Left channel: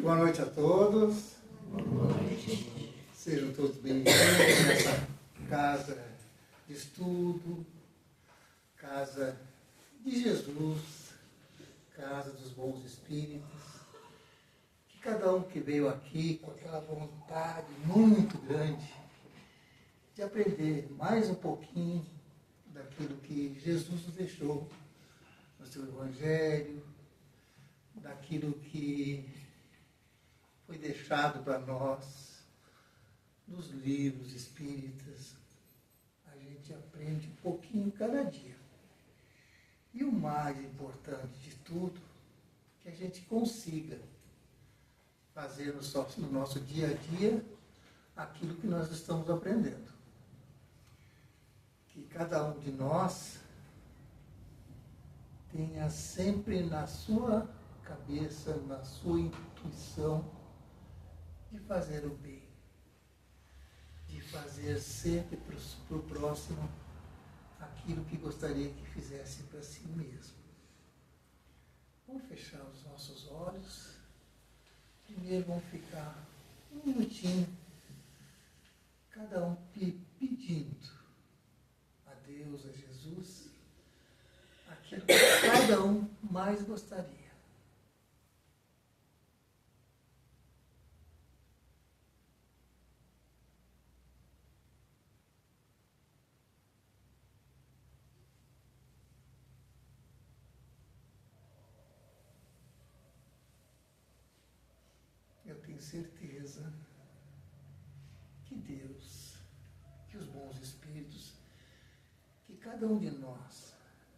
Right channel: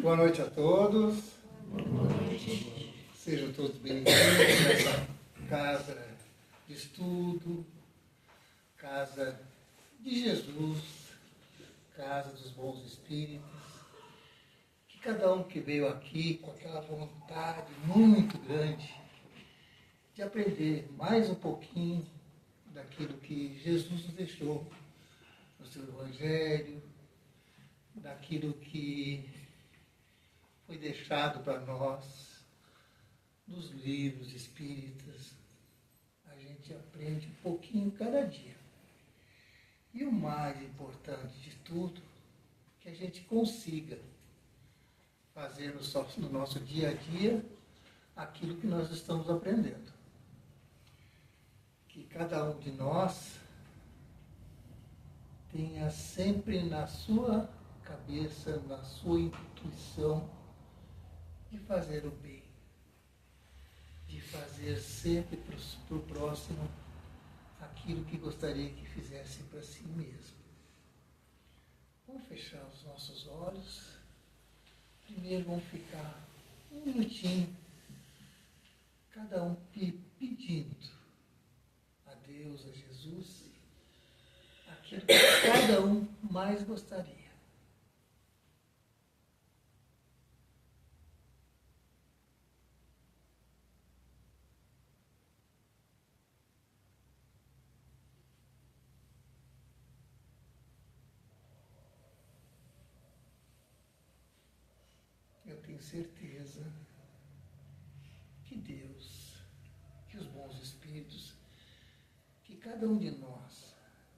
Boa noite a todos. Boa noite. Sejam todos bem-vindos nessa casa de estudo, casa de Jesus, casa dos bons espíritos. Que cada um que veio aqui com aquela vontade muito grande de aprender mais um pouquinho daquilo que Jesus nos deixou no seu Evangelho, daquilo que foi deixado para nós nos livros espíritas. A gente aprende um pouquinho cada dia. E o mais importante de tudo, que a gente consiga fazer no nosso dia a dia aquilo que nós estamos aprendendo. Que cada um de nós tenha sempre na sua cabeça, na sua intuição, de fazer o bem, de fazer sempre para o próximo aquilo que gostaria que fizesse para si mesmo. Vamos fechar os nossos olhos. Primeiro vamos ficar um minutinho, cada um pedindo a Deus, a Jesus, aquilo que cada um mais gostaria. Eu tenho certeza que Deus, que os bons espíritos, que cada um de nós,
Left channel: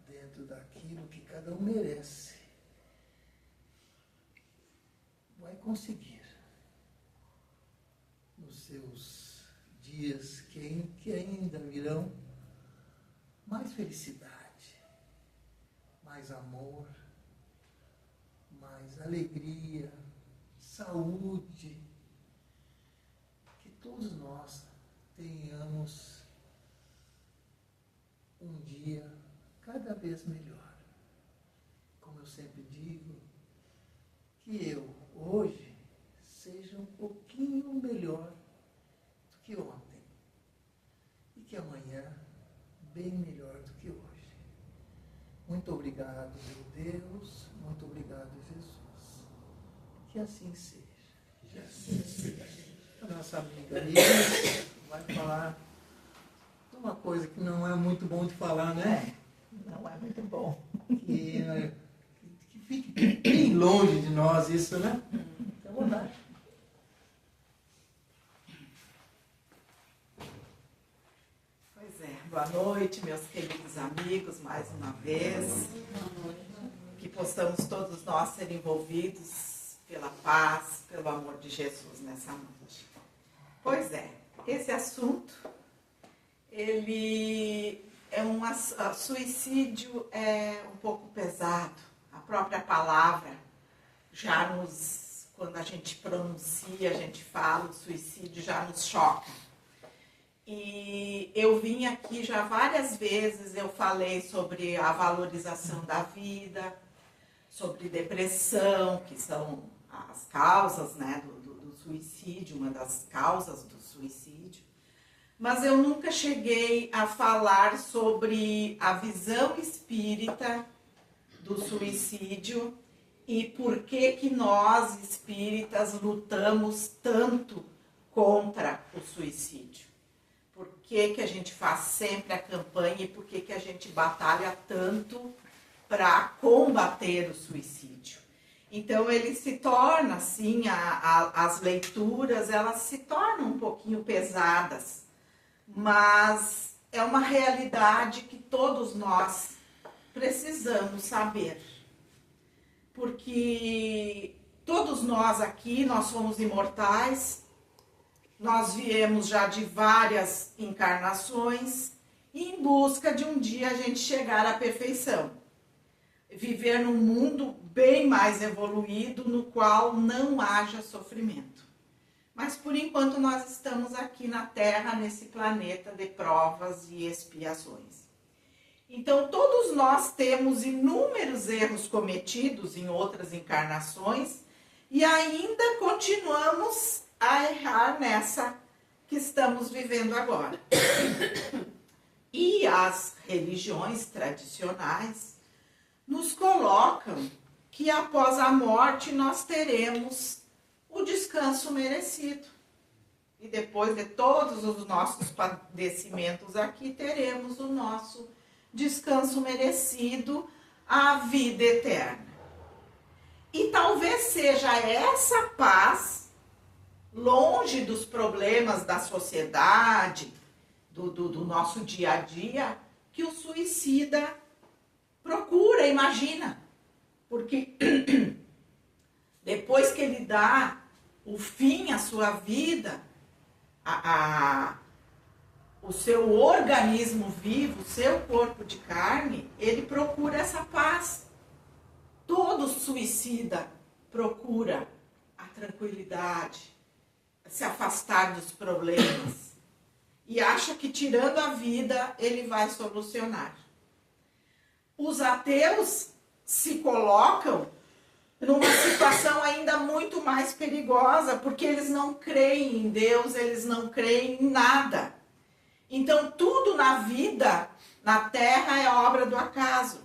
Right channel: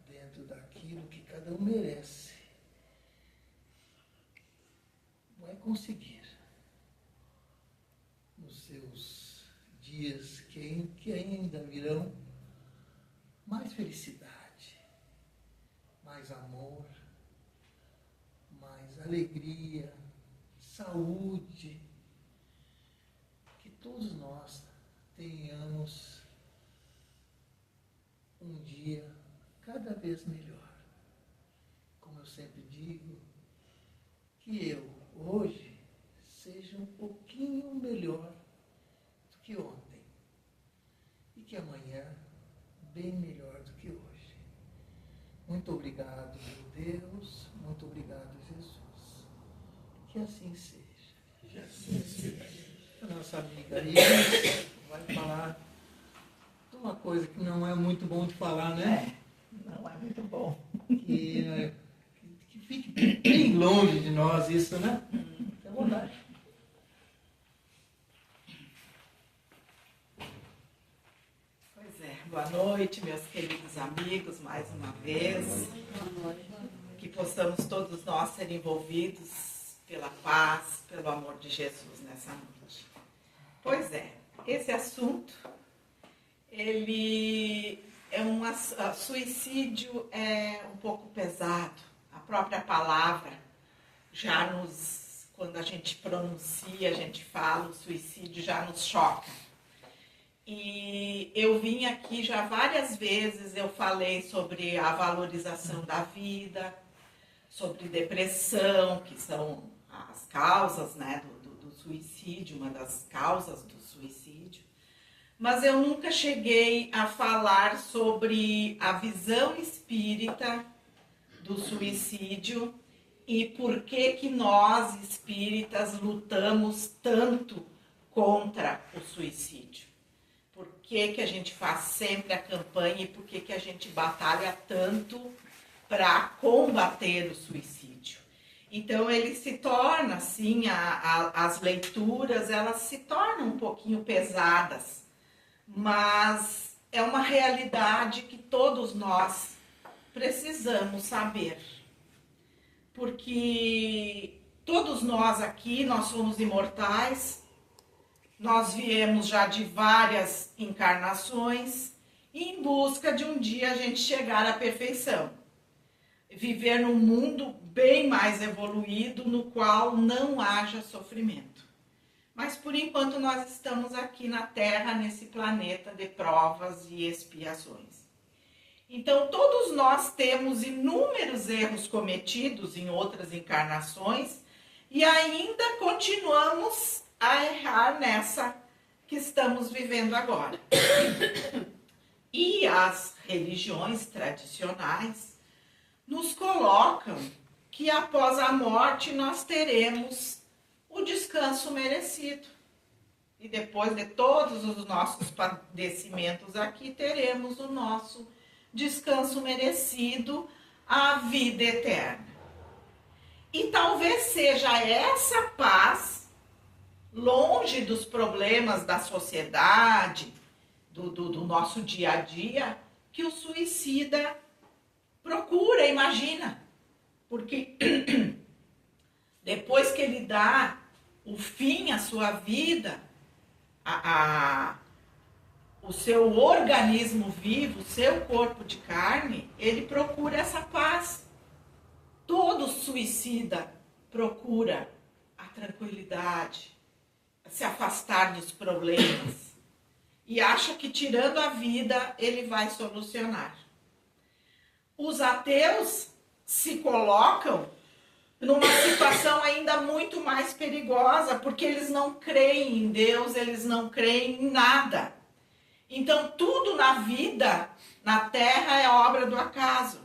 dentro daquilo que cada um merece, vai conseguir nos seus dias que ainda virão mais felicidade, mais amor, mais alegria, saúde, que todos nós tenhamos um dia cada vez melhor. Como eu sempre digo, que eu hoje seja um pouquinho melhor do que ontem e que amanhã bem melhor do que hoje. Muito obrigado, meu Deus, muito obrigado, Jesus. Que assim seja. Que assim seja. A nossa amiga Iris vai falar de uma coisa que não é muito bom de falar, né? Não é muito bom. Que fique bem longe de nós isso, né? Fique à vontade. Pois é. Boa noite, meus queridos amigos, mais uma vez. Boa noite. Que possamos todos nós ser envolvidos pela paz, pelo amor de Jesus nessa noite. Pois é, esse assunto, ele é suicídio é um pouco pesado. A própria palavra já nos, quando a gente pronuncia, a gente fala, o suicídio já nos choca. E eu vim aqui já várias vezes, eu falei sobre a valorização da vida, sobre depressão, que são as causas, né, do suicídio, uma das causas do suicídio. Mas eu nunca cheguei a falar sobre a visão espírita do suicídio e por que nós, espíritas, lutamos tanto contra o suicídio. Por que a gente faz sempre a campanha e por que a gente batalha tanto para combater o suicídio. Então, ele se torna, assim, as leituras, elas se tornam um pouquinho pesadas, mas é uma realidade que todos nós precisamos saber. Porque todos nós aqui, nós somos imortais, nós viemos já de várias encarnações e em busca de um dia a gente chegar à perfeição. Viver num mundo bem mais evoluído, no qual não haja sofrimento. Mas, por enquanto, nós estamos aqui na Terra, nesse planeta de provas e expiações. Então, todos nós temos inúmeros erros cometidos em outras encarnações e ainda continuamos a errar nessa que estamos vivendo agora. E as religiões tradicionais nos colocam que após a morte nós teremos o descanso merecido. E depois de todos os nossos padecimentos aqui, teremos o nosso descanso merecido, a vida eterna. E talvez seja essa paz, longe dos problemas da sociedade, do nosso dia a dia, que o suicida procura, imagina. Porque depois que ele dá o fim à sua vida, o seu organismo vivo, o seu corpo de carne, ele procura essa paz. Todo suicida procura a tranquilidade, se afastar dos problemas e acha que tirando a vida ele vai solucionar. Os ateus se colocam numa situação ainda muito mais perigosa, porque eles não creem em Deus, eles não creem em nada. Então, tudo na vida, na Terra, é obra do acaso.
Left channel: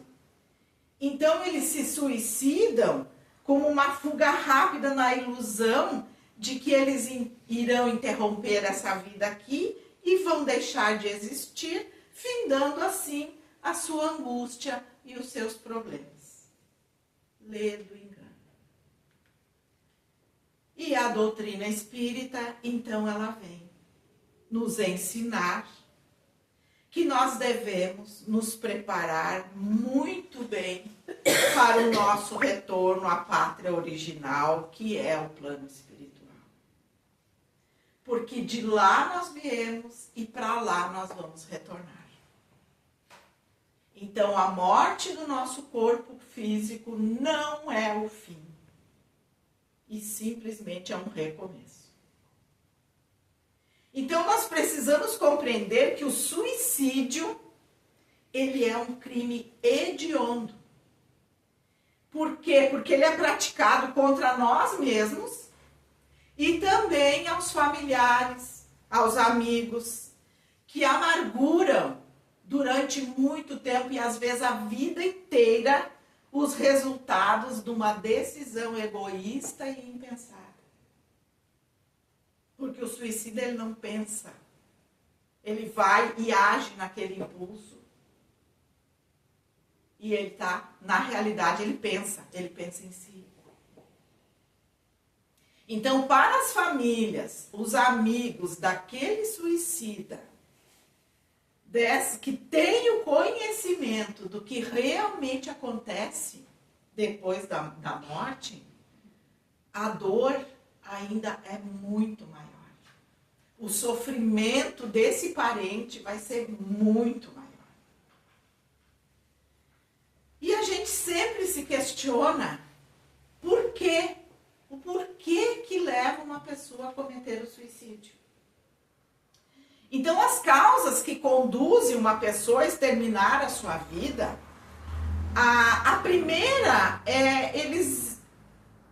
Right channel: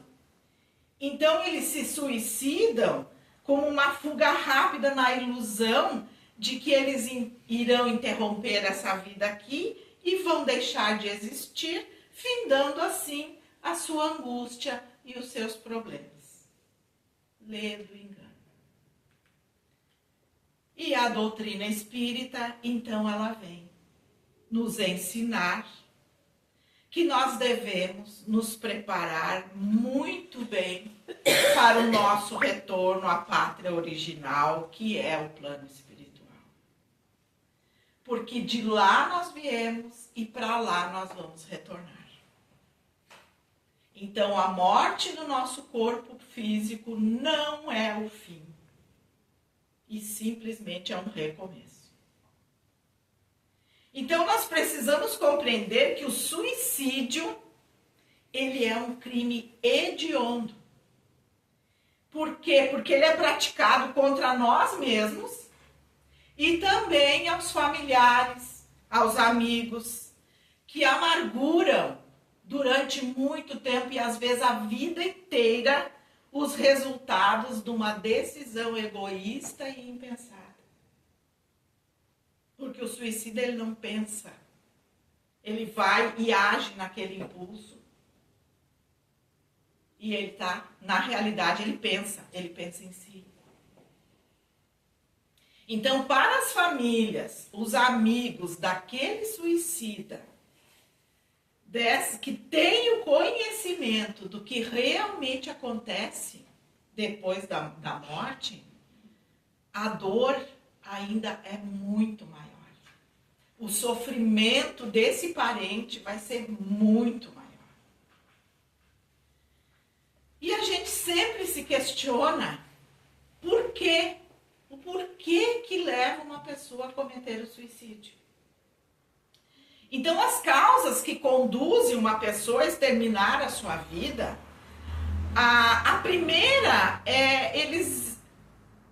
Então, eles se suicidam como uma fuga rápida na ilusão de que eles irão interromper essa vida aqui e vão deixar de existir, findando assim a sua angústia e os seus problemas. Lê do engano. E a doutrina espírita, então, ela vem nos ensinar que nós devemos nos preparar muito bem para o nosso retorno à pátria original, que é o plano espiritual. Porque de lá nós viemos e para lá nós vamos retornar. Então, a morte do nosso corpo físico não é o fim. E simplesmente é um recomeço. Então, nós precisamos compreender que o suicídio, ele é um crime hediondo. Por quê? Porque ele é praticado contra nós mesmos e também aos familiares, aos amigos, que amarguram durante muito tempo e às vezes a vida inteira os resultados de uma decisão egoísta e impensada. Porque o suicida, ele não pensa. Ele vai e age naquele impulso. E ele tá, na realidade, ele pensa em si. Então, para as famílias, os amigos daquele suicida, que tem o conhecimento do que realmente acontece depois da morte, a dor ainda é muito maior. O sofrimento desse parente vai ser muito maior. E a gente sempre se questiona por quê? O porquê que leva uma pessoa a cometer o suicídio. Então, as causas que conduzem uma pessoa a exterminar a sua vida, a primeira é eles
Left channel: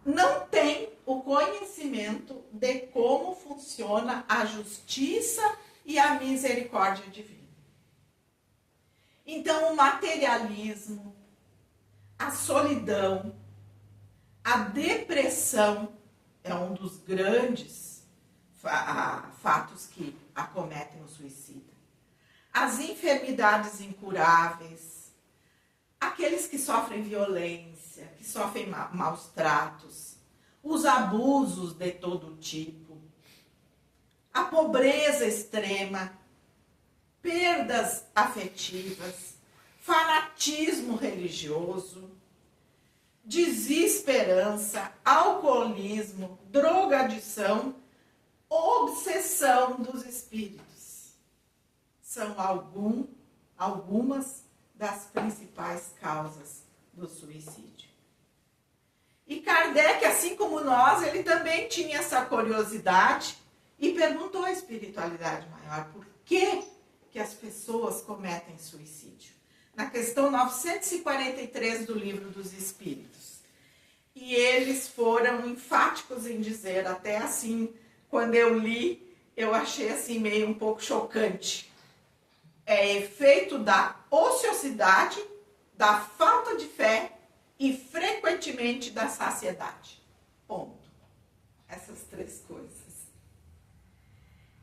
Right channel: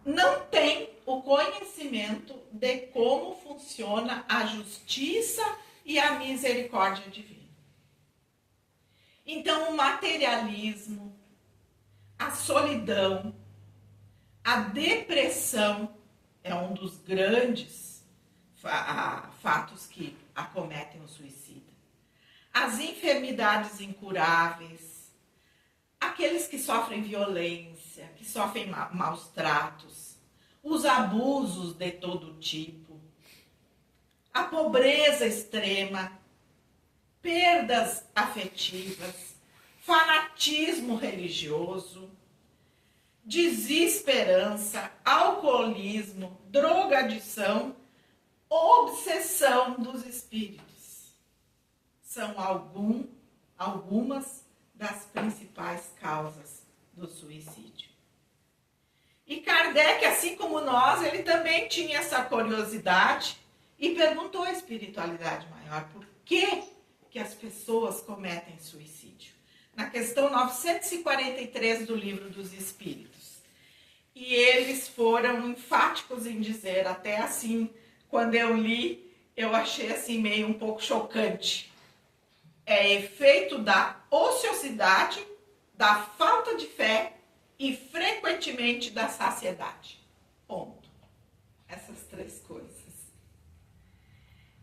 não têm o conhecimento de como funciona a justiça e a misericórdia divina. Então, o materialismo, a solidão, a depressão é um dos grandes fatos que acometem o suicida. As enfermidades incuráveis, aqueles que sofrem violência, que sofrem maus tratos, os abusos de todo tipo, a pobreza extrema, perdas afetivas, fanatismo religioso, desesperança, alcoolismo, drogadição, obsessão dos espíritos. São algumas das principais causas do suicídio. E Kardec, assim como nós, ele também tinha essa curiosidade e perguntou à espiritualidade maior por que as pessoas cometem suicídio. Na questão 943 do Livro dos Espíritos. e eles foram enfáticos em dizer, até assim, quando eu li, eu achei assim meio um pouco chocante. É efeito da ociosidade, da falta de fé e frequentemente da saciedade. Ponto. Essas três coisas.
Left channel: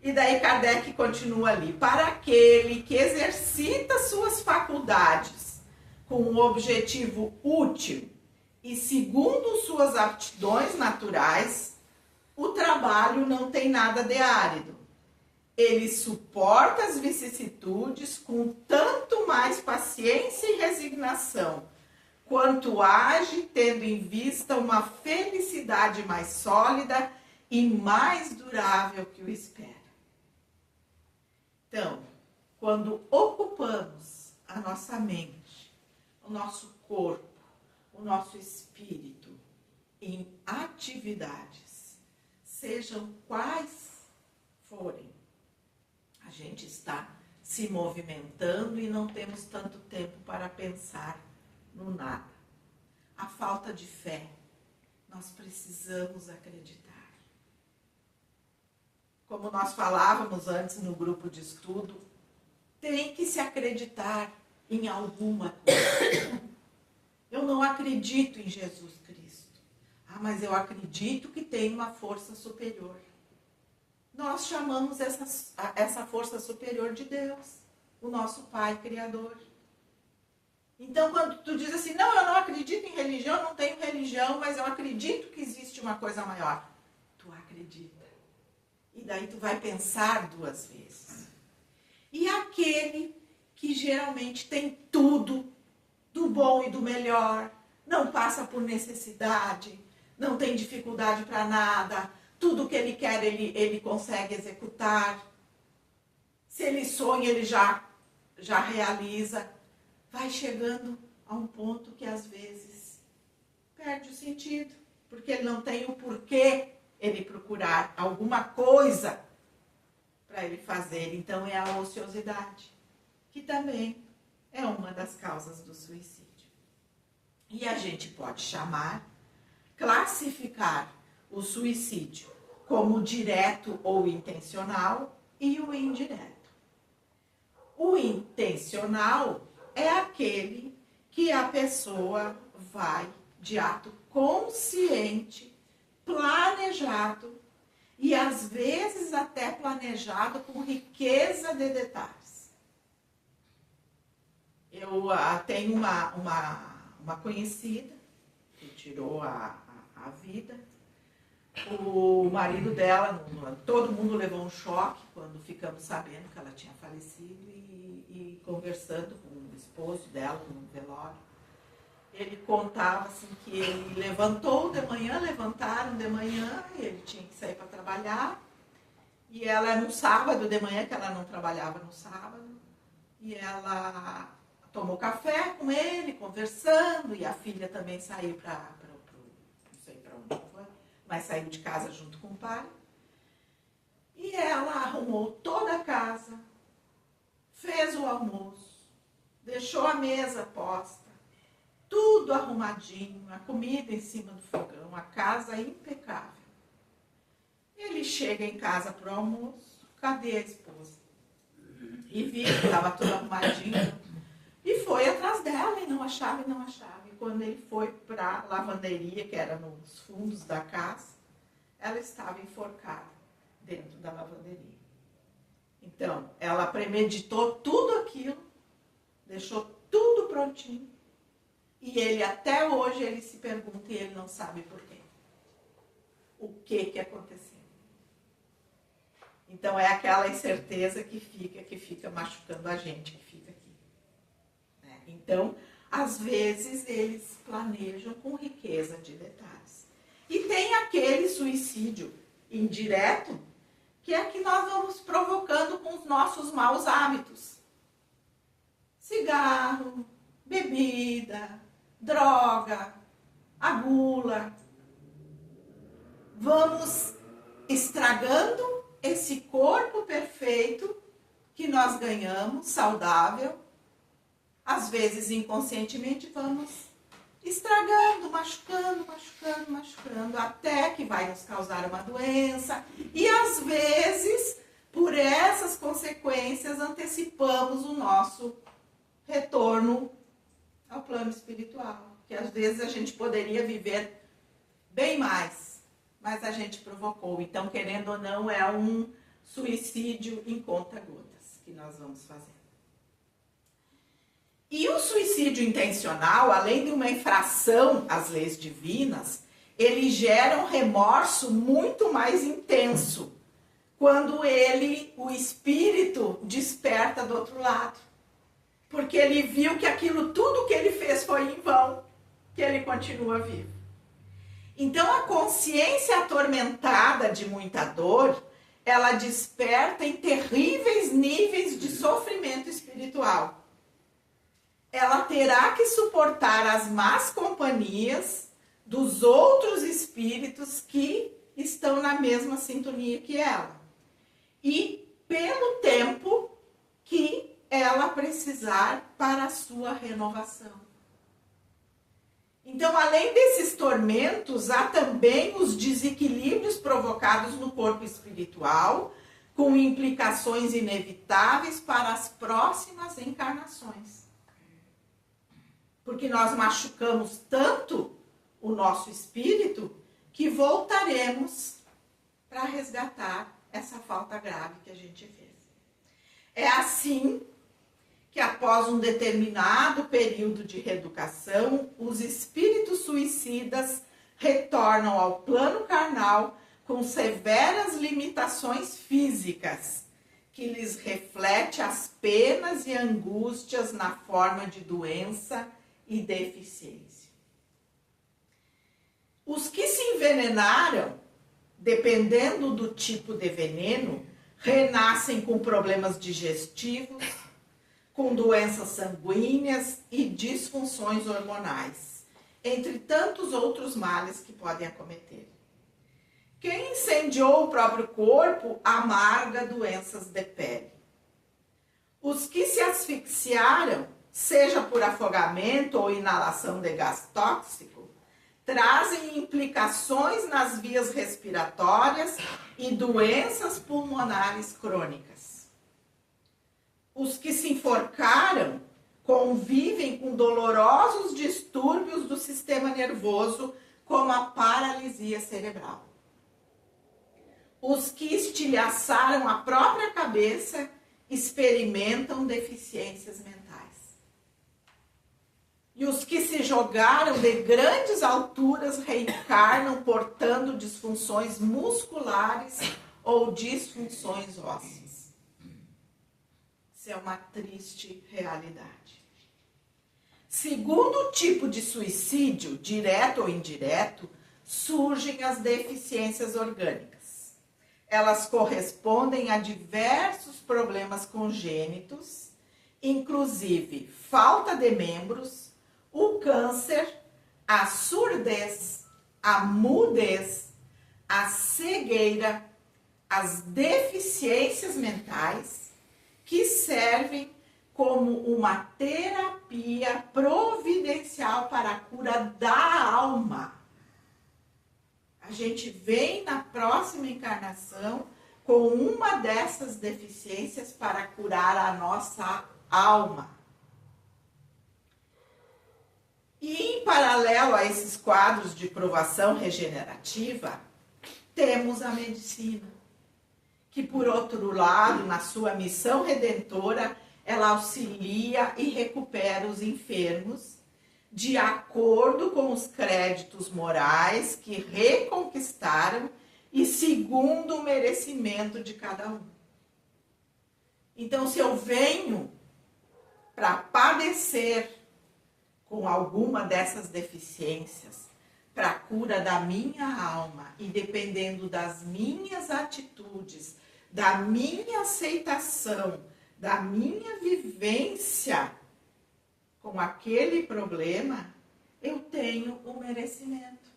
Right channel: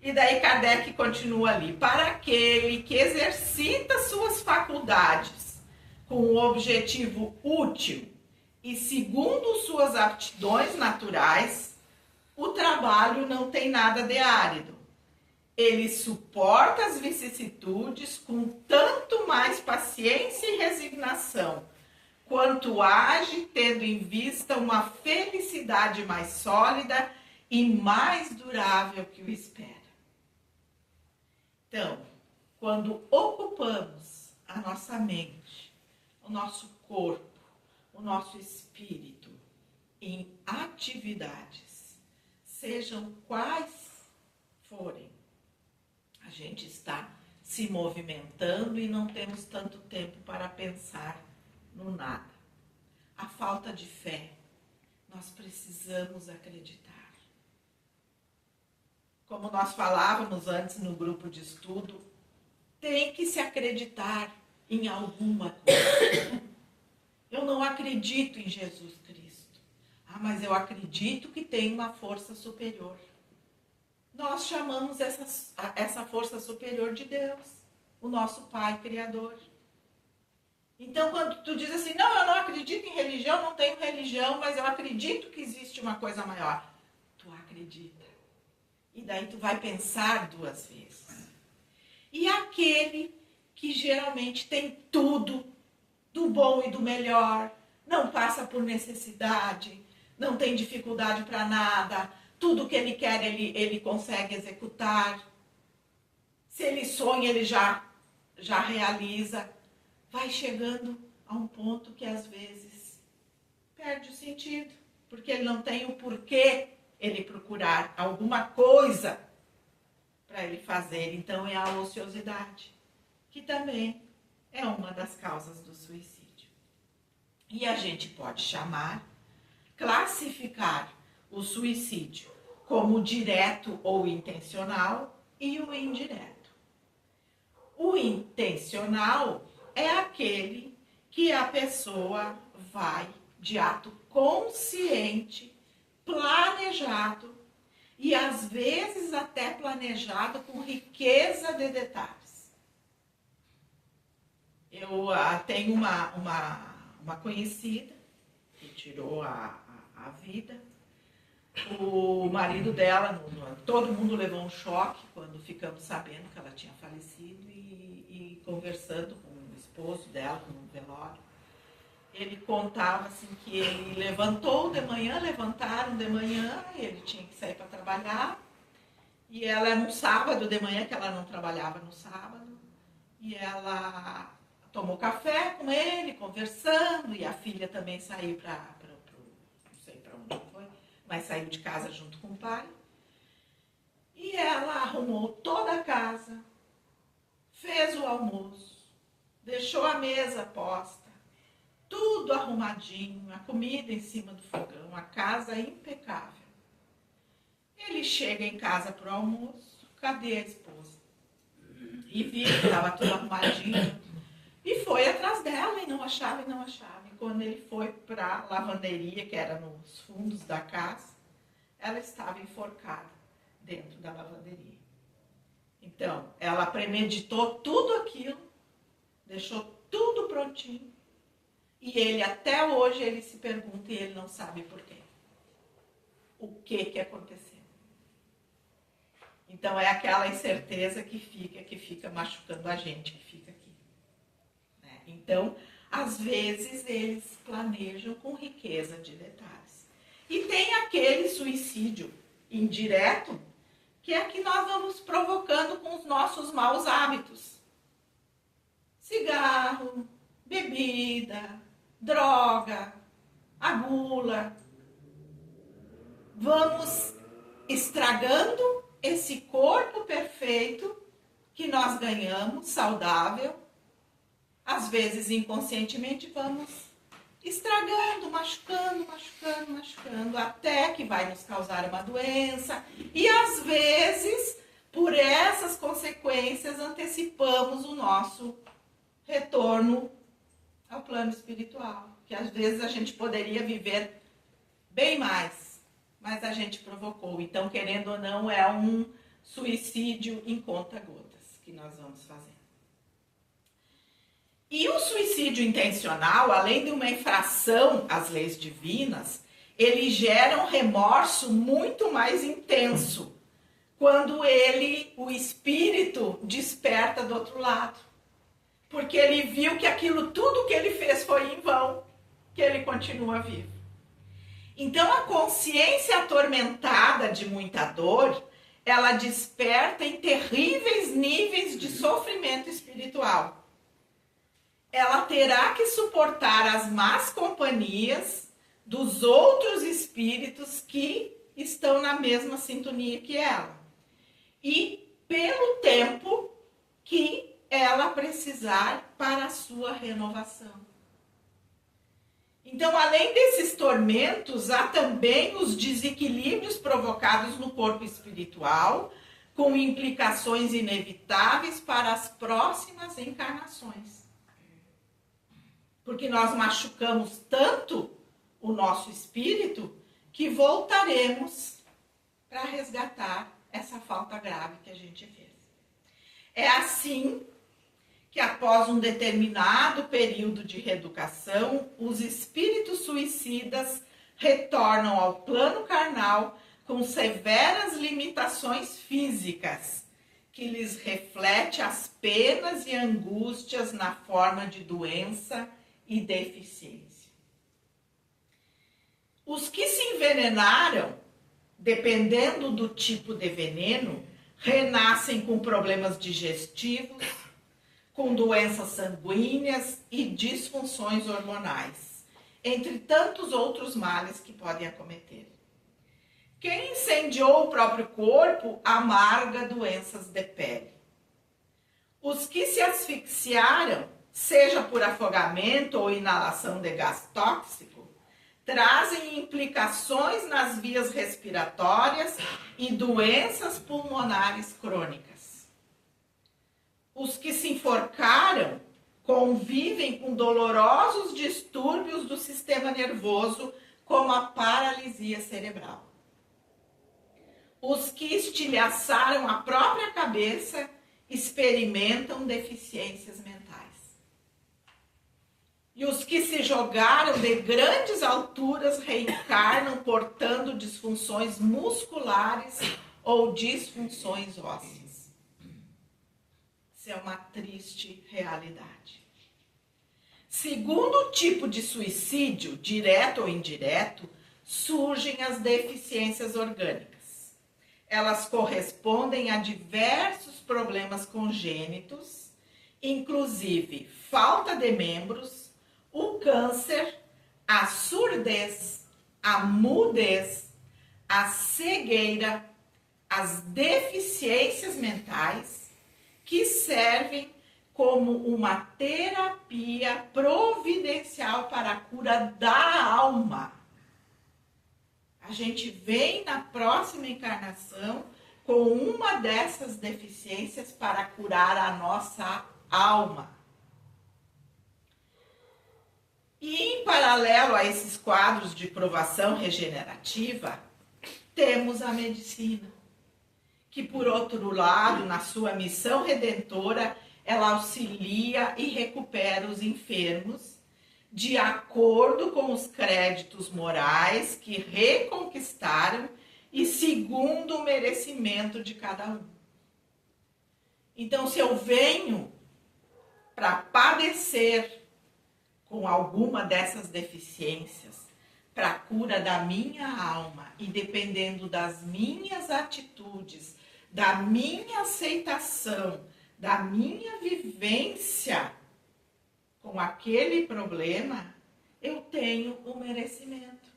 E daí Kardec continua ali. Para aquele que exercita suas faculdades com um objetivo útil e segundo suas aptidões naturais, o trabalho não tem nada de árido. Ele suporta as vicissitudes com tanto mais paciência e resignação, quanto age tendo em vista uma felicidade mais sólida e mais durável que o espera. Então, quando ocupamos a nossa mente, o nosso corpo, o nosso espírito em atividades, sejam quais forem, a gente está se movimentando e não temos tanto tempo para pensar no nada. A falta de fé, nós precisamos acreditar. Como nós falávamos antes no grupo de estudo, tem que se acreditar em alguma coisa. Eu não acredito em Jesus Cristo. Mas eu acredito que tem uma força superior. Nós chamamos essa força superior de Deus, o nosso Pai Criador. Então, quando tu diz assim, não, eu não acredito em religião, não tenho religião, mas eu acredito que existe uma coisa maior. Tu acredita. E daí tu vai pensar duas vezes. E aquele que geralmente tem tudo, do bom e do melhor, não passa por necessidade, não tem dificuldade para nada, tudo que ele quer ele consegue executar. Se ele sonha, ele já realiza. Vai chegando a um ponto que às vezes perde o sentido, porque ele não tem o porquê ele procurar alguma coisa para ele fazer. Então é a ociosidade, que também é uma das causas do suicídio. E a gente pode classificar o suicídio como direto ou intencional e o indireto. O intencional é aquele que a pessoa vai de ato consciente, planejado e às vezes até planejado com riqueza de detalhes. Eu tenho uma conhecida que tirou a vida. O marido dela, todo mundo levou um choque quando ficamos sabendo que ela tinha falecido e conversando com o esposo dela no velório. Ele contava assim que ele levantaram de manhã, ele tinha que sair para trabalhar. E ela, no sábado de manhã, que ela não trabalhava no sábado, e ela tomou café com ele, conversando, e a filha também saiu para não sei para onde foi, mas saiu de casa junto com o pai. E ela arrumou toda a casa, fez o almoço, deixou a mesa posta, tudo arrumadinho, a comida em cima do fogão, a casa impecável. Ele chega em casa para o almoço, cadê a esposa? E viu que estava tudo arrumadinho. E foi atrás dela e não achava. E quando ele foi para a lavanderia, que era nos fundos da casa, ela estava enforcada dentro da lavanderia. Então, ela premeditou tudo aquilo, deixou tudo prontinho. E ele, até hoje, ele se pergunta e ele não sabe por quê. O que aconteceu? Então, é aquela incerteza que fica machucando a gente, que fica aqui. Né? Então, às vezes, eles planejam com riqueza de detalhes. E tem aquele suicídio indireto, que é que nós vamos provocando com os nossos maus hábitos. Cigarro, bebida, droga, a gula. Vamos estragando esse corpo perfeito que nós ganhamos, saudável. Às vezes, inconscientemente, vamos estragando, machucando, machucando, machucando, até que vai nos causar uma doença. E às vezes, por essas consequências, antecipamos o nosso retorno ao plano espiritual. Que às vezes a gente poderia viver bem mais, mas a gente provocou. Então, querendo ou não, é um suicídio em conta-gotas que nós vamos fazer. E o suicídio intencional, além de uma infração às leis divinas, ele gera um remorso muito mais intenso quando o espírito desperta do outro lado. Porque ele viu que aquilo, tudo que ele fez foi em vão, que ele continua vivo. Então a consciência atormentada de muita dor, ela desperta em terríveis níveis de sofrimento espiritual. Ela terá que suportar as más companhias dos outros espíritos que estão na mesma sintonia que ela. E pelo tempo que ela precisar para a sua renovação. Então, além desses tormentos, há também os desequilíbrios provocados no corpo espiritual, com implicações inevitáveis para as próximas encarnações. Porque nós machucamos tanto o nosso espírito que voltaremos para resgatar essa falta grave que a gente fez. É assim que após um determinado período de reeducação, os espíritos suicidas retornam ao plano carnal com severas limitações físicas, que lhes reflete as penas e angústias na forma de doença e deficiência. Os que se envenenaram, dependendo do tipo de veneno, renascem com problemas digestivos, com doenças sanguíneas e disfunções hormonais, entre tantos outros males que podem acometer. Quem incendiou o próprio corpo amarga doenças de pele. Os que se asfixiaram, seja por afogamento ou inalação de gás tóxico, trazem implicações nas vias respiratórias e doenças pulmonares crônicas. Os que se enforcaram convivem com dolorosos distúrbios do sistema nervoso, como a paralisia cerebral. Os que estilhaçaram a própria cabeça experimentam deficiências mentais. E os que se jogaram de grandes alturas reencarnam portando disfunções musculares ou disfunções ósseas. Isso é uma triste realidade. Segundo o tipo de suicídio, direto ou indireto, surgem as deficiências orgânicas. Elas correspondem a diversos problemas congênitos, inclusive falta de membros, o câncer, a surdez, a mudez, a cegueira, as deficiências mentais, que servem como uma terapia providencial para a cura da alma. A gente vem na próxima encarnação com uma dessas deficiências para curar a nossa alma. E em paralelo a esses quadros de provação regenerativa, temos a medicina, que por outro lado, na sua missão redentora, ela auxilia e recupera os enfermos de acordo com os créditos morais que reconquistaram e segundo o merecimento de cada um. Então, se eu venho para padecer com alguma dessas deficiências, para a cura da minha alma e dependendo das minhas atitudes, da minha aceitação, da minha vivência com aquele problema, eu tenho o merecimento.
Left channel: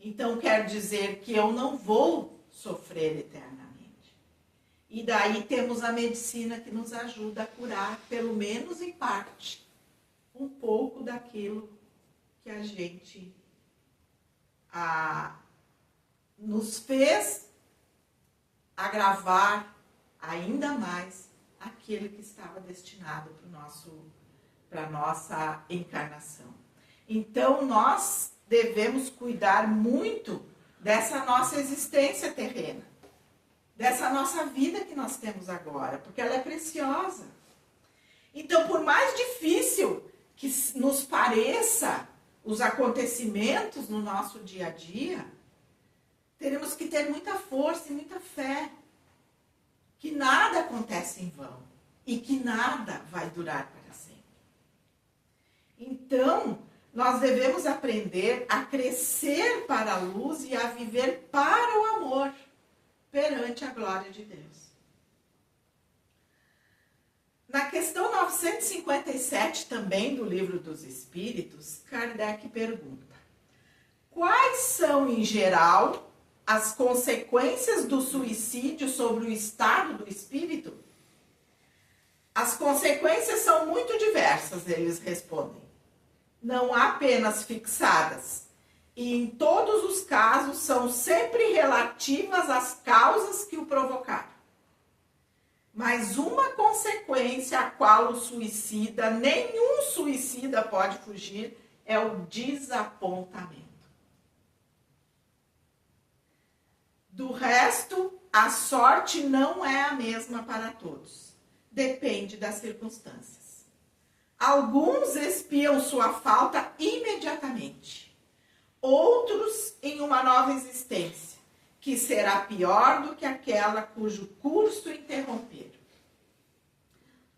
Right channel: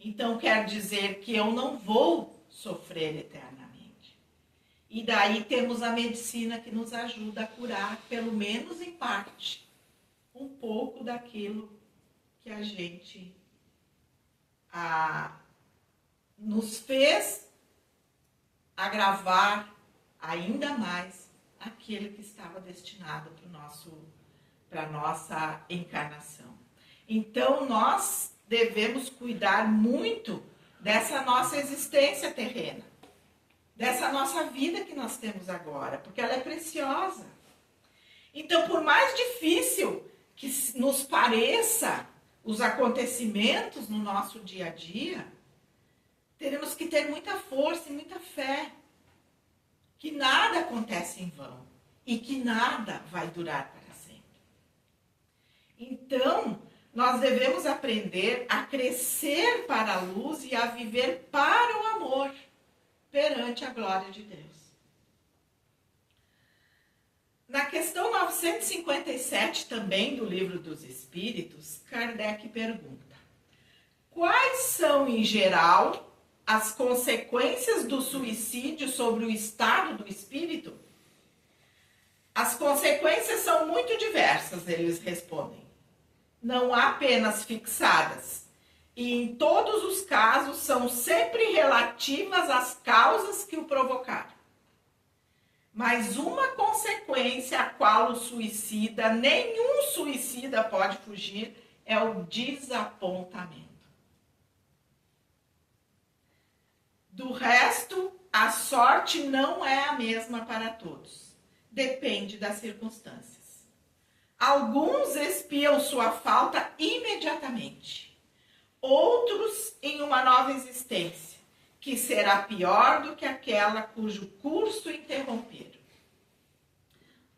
Então quer dizer que eu não vou sofrer eternamente. E daí temos a medicina que nos ajuda a curar, pelo menos em parte, um pouco daquilo que a gente nos fez agravar ainda mais aquele que estava destinado para a nossa encarnação. Então, nós devemos cuidar muito dessa nossa existência terrena, dessa nossa vida que nós temos agora, porque ela é preciosa. Então, por mais difícil que nos pareça os acontecimentos no nosso dia a dia, teremos que ter muita força e muita fé, que nada acontece em vão e que nada vai durar para sempre. Então, nós devemos aprender a crescer para a luz e a viver para o amor perante a glória de Deus. Na questão 957 também do Livro dos Espíritos, Kardec pergunta: quais são, em geral, as consequências do suicídio sobre o estado do espírito? As consequências são muito diversas, eles respondem. Não há penas fixadas. E em todos os casos são sempre relativas às causas que o provocaram. Mas uma consequência a qual o suicida, nenhum suicida pode fugir, é o desapontamento. Do resto, a sorte não é a mesma para todos. Depende das circunstâncias. Alguns expiam sua falta imediatamente. Outros em uma nova existência, que será pior do que aquela cujo curso interromperam.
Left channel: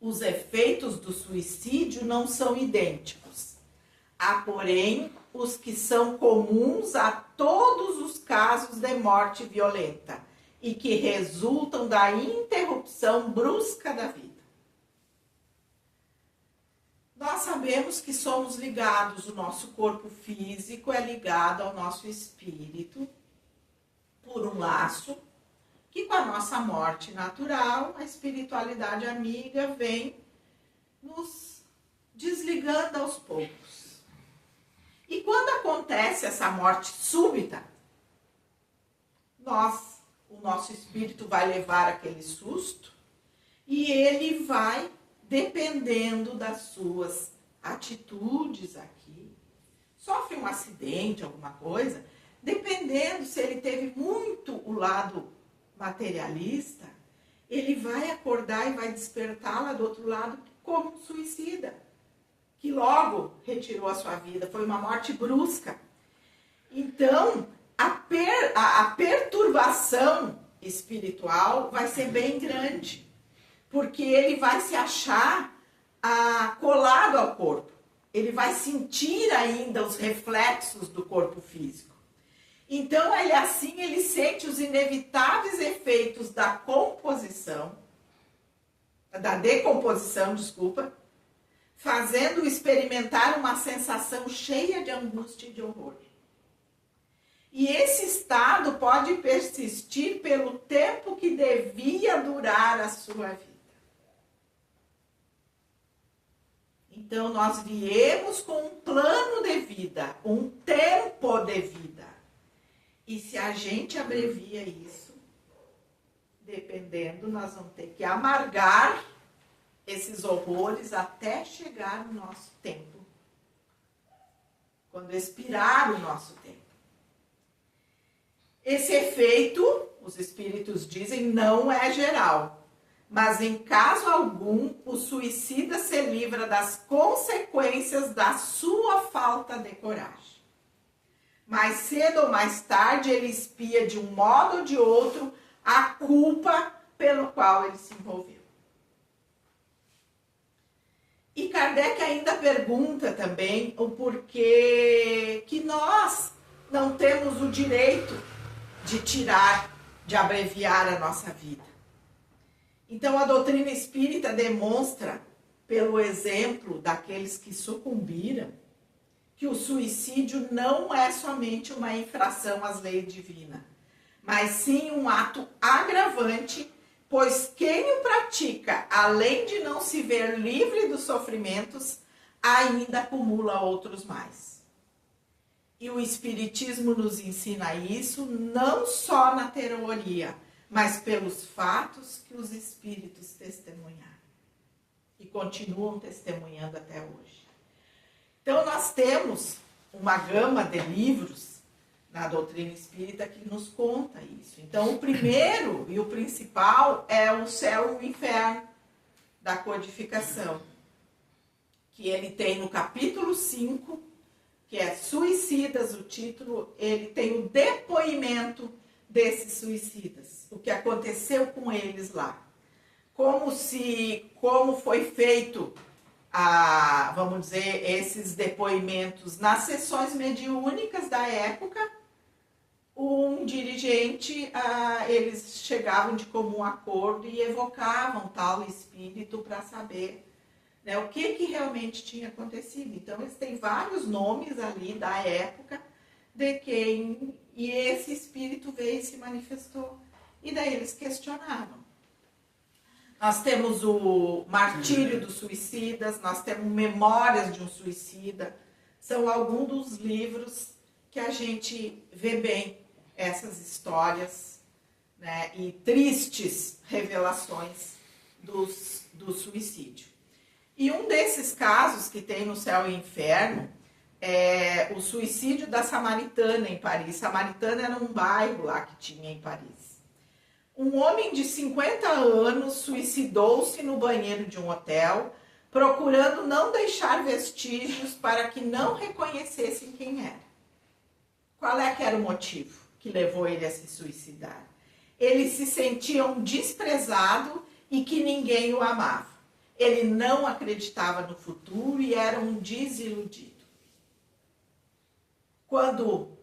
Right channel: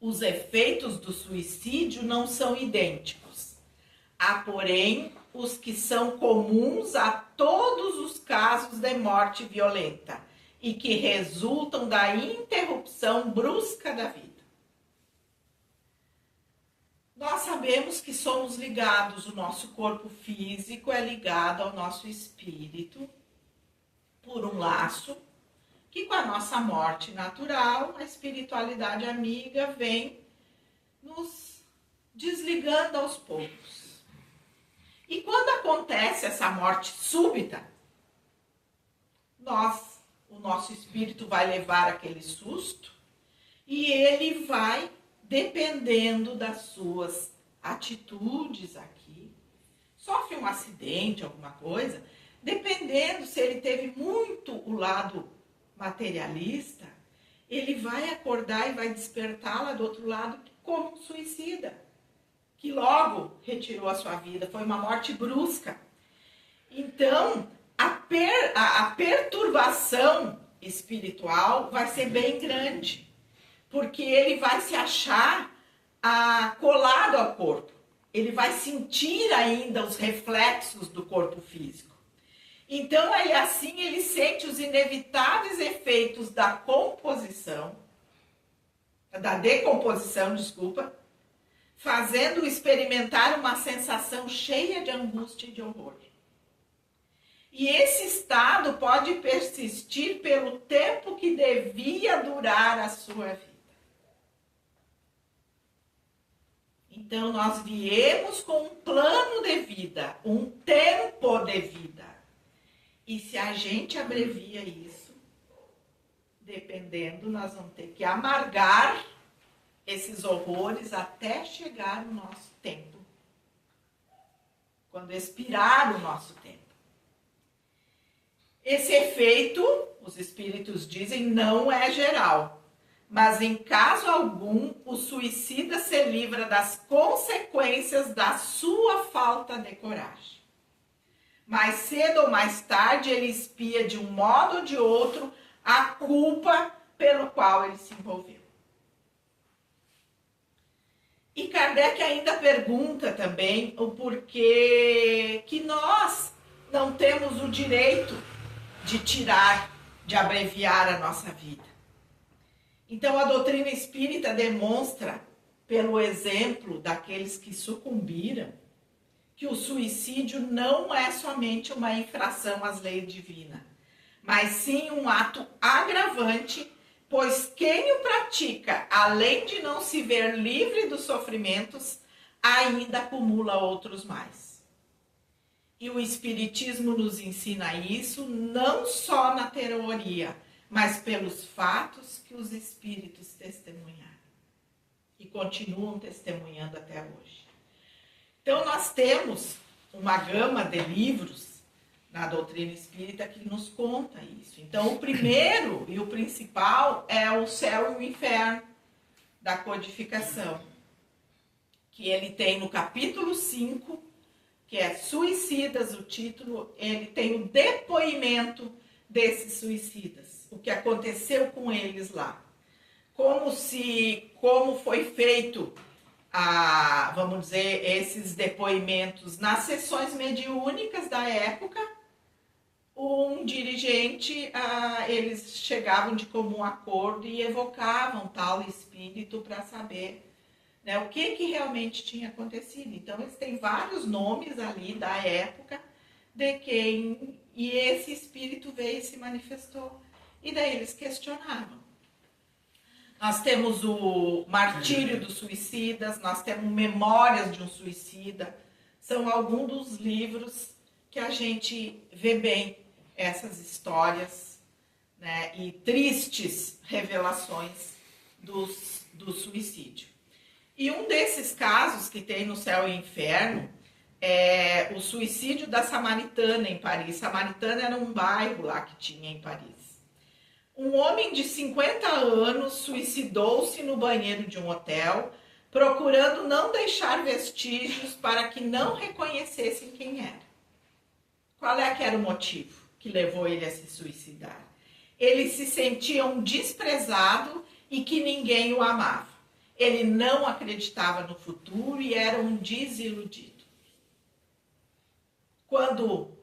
Os efeitos do suicídio não são idênticos. Há, porém, os que são comuns a todos os casos de morte violenta e que resultam da interrupção brusca da vida. Nós sabemos que somos ligados, o nosso corpo físico é ligado ao nosso espírito por um laço que, com a nossa morte natural, a espiritualidade amiga vem nos desligando aos poucos. E quando acontece essa morte súbita, o nosso espírito vai levar aquele susto e ele vai, dependendo das suas atitudes aqui, sofre um acidente, alguma coisa, dependendo se ele teve muito o lado materialista, ele vai acordar e vai despertar lá do outro lado como um suicida, que logo retirou a sua vida, foi uma morte brusca. Então, a perturbação espiritual vai ser bem grande, porque ele vai se achar colado ao corpo. Ele vai sentir ainda os reflexos do corpo físico. Então, ele sente os inevitáveis efeitos da decomposição, fazendo-o experimentar uma sensação cheia de angústia e de horror. E esse estado pode persistir pelo tempo que devia durar a sua vida. Então, nós viemos com um plano de vida, um tempo de vida. E se a gente abrevia isso, dependendo, nós vamos ter que amargar esses horrores até chegar o nosso tempo. Quando expirar o nosso tempo. Esse efeito, os espíritos dizem, não é geral. Mas em caso algum, o suicida se livra das consequências da sua falta de coragem. Mais cedo ou mais tarde, ele expia de um modo ou de outro a culpa pelo qual ele se envolveu. E Kardec ainda pergunta também o porquê que nós não temos o direito de abreviar a nossa vida. Então, a doutrina espírita demonstra, pelo exemplo daqueles que sucumbiram, que o suicídio não é somente uma infração às leis divinas, mas sim um ato agravante, pois quem o pratica, além de não se ver livre dos sofrimentos, ainda acumula outros mais. E o Espiritismo nos ensina isso não só na teoria, mas pelos fatos que os espíritos testemunharam. E continuam testemunhando até hoje. Então, nós temos uma gama de livros na doutrina espírita que nos conta isso. Então, o primeiro e o principal é o Céu e o Inferno, da codificação, que ele tem no capítulo 5, que é Suicidas, o título, ele tem o depoimento desses suicidas, o que aconteceu com eles lá. Como foi feito, vamos dizer, esses depoimentos nas sessões mediúnicas da época. Um dirigente, eles chegavam de comum acordo e evocavam tal espírito para saber, né, o que realmente tinha acontecido. Então, eles têm vários nomes ali da época de quem, e esse espírito veio e se manifestou. E daí eles questionavam. Nós temos o Martírio dos Suicidas, nós temos Memórias de um Suicida. São alguns dos livros que a gente vê bem essas histórias, né, e tristes revelações do suicídio. E um desses casos que tem no Céu e Inferno é o suicídio da Samaritana em Paris. Samaritana era um bairro lá que tinha em Paris. Um homem de 50 anos suicidou-se no banheiro de um hotel, procurando não deixar vestígios para que não reconhecessem quem era. Qual é que era o motivo que levou ele a se suicidar? Ele se sentia um desprezado e que ninguém o amava. Ele não acreditava no futuro e era um desiludido. Quando